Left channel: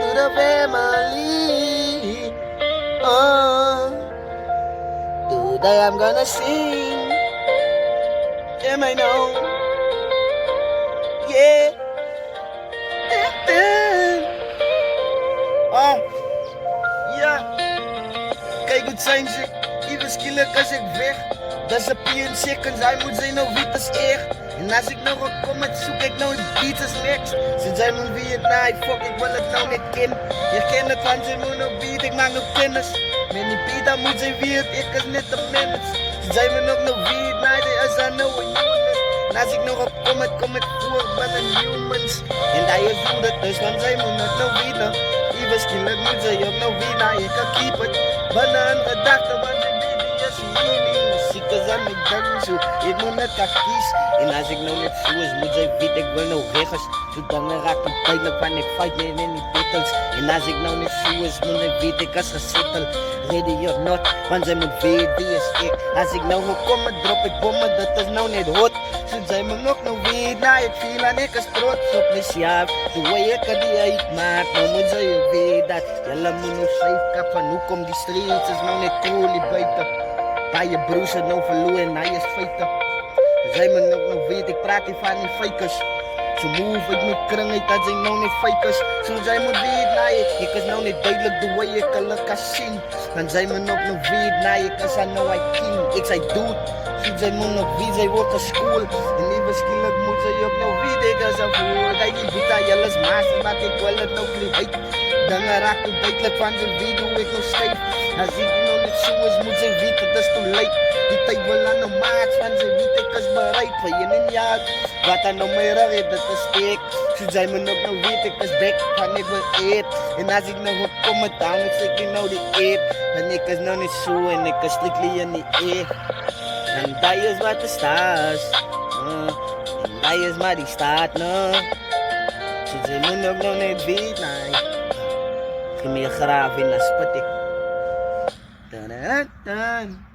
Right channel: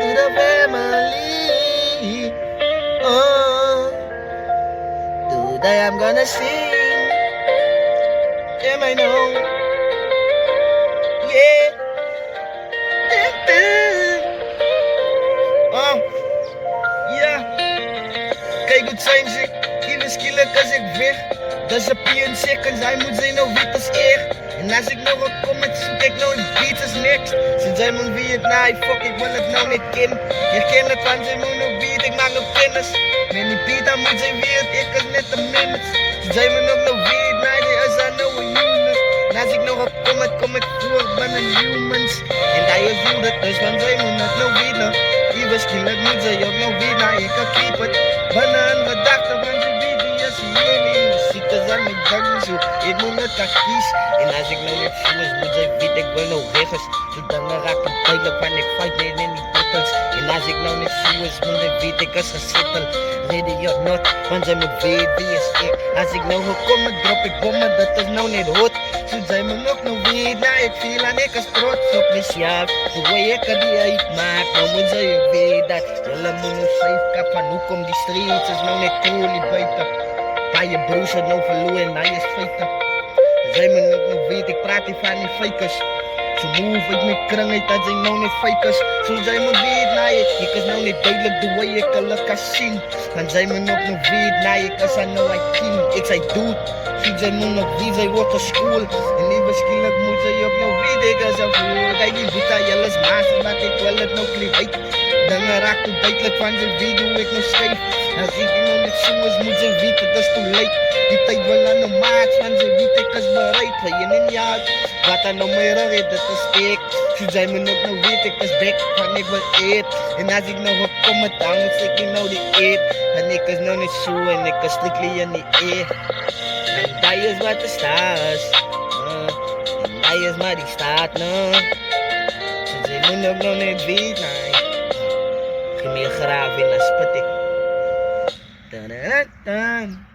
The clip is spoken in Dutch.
to the family. Today I'm gonna sing. Am I know? Yeah. Ja. Kijk goed zijn ze. Even skillelijk als ik weg. Disappear in seconds, hij moet zijn nou wit als echt. En als ik nog een comment zoek, ik nou een beat als next. Sinds hij moet wie het naai, fuck, ik wil het nou niet kennen. Je kent het, want hij moet nog beat, ik maak nog kennis. Met die beat, dan moet zijn wie het, ik is net een minutes. Sinds hij moet ook nog wie het naai, is hij nou een unit. En als ik nog een comment, kom ik voor, ben een humans. En hij is doet het, dus want zij moet het nou winnen. Even skillelijk moet zij ook nog winnen, ik kan keep het. Ben een gedachte, want je weet die is hier. Cause I'm a gun, so ik moet net kies. En als ik nou net zo is, moet jij weten, ik wil nou rechts. Zo dan raak ik duidelijk, want ik fight niet in die battles. En als ik nou net zo is, moet ik weten, ik is gesetteld. Ready or not, want zij moet weten wie is ik. Als ik nou gekomen, drop ik bommen, dat is nou niet hot. Zo zij me nog nou weten, nou ik viel en ik is trots op mezelf. Zo hoe ik er die uitmaak, nou moet zij weten dat. Jelle moet nou schrijf kappen, hoe komt die streets, is nou net cool die buiten. Bij je broers het nou verloren en hij is feiten. Zij me nog weet, ik praat niet van die fakers. Zo move ik met kring uit dat zij nou niet fakers. Zo zij me weet, nee, ik is nou niet duidelijk de way ik hulle kan zien. Dan zij me nog weet, nee, ik is aan nou een team. Ik zei dude, zo zij me nog weet, zij wordt op school. En liever skillelijk moet zij ook nog weet, ik is aan voel. Kijk die boeta, jylle is maas, maar ik wil het nou klief uit. Dan raakt het duidelijk van ze weet hoe ik nog schrijf. Als ik nog niet zo is, moet ze weten, dat is te late. Die tijd wil aan de maat, van ze weten, ik is bereid. Voor je niet uit, wat aan de meer red, dat is steek. Zo zij me nog nou weet, ik is back, van ik wil eet. En als ik nog op kom met town, ik zeg ik nou die eet. En ik is nou niet zo, en ik is strictly in die eet. En dat is wat er staat. En dat is maar die staat, no. Zo zij me nog nou niet weet, nee. Ik ga meer graven in dat spit. Dun, dun, dun.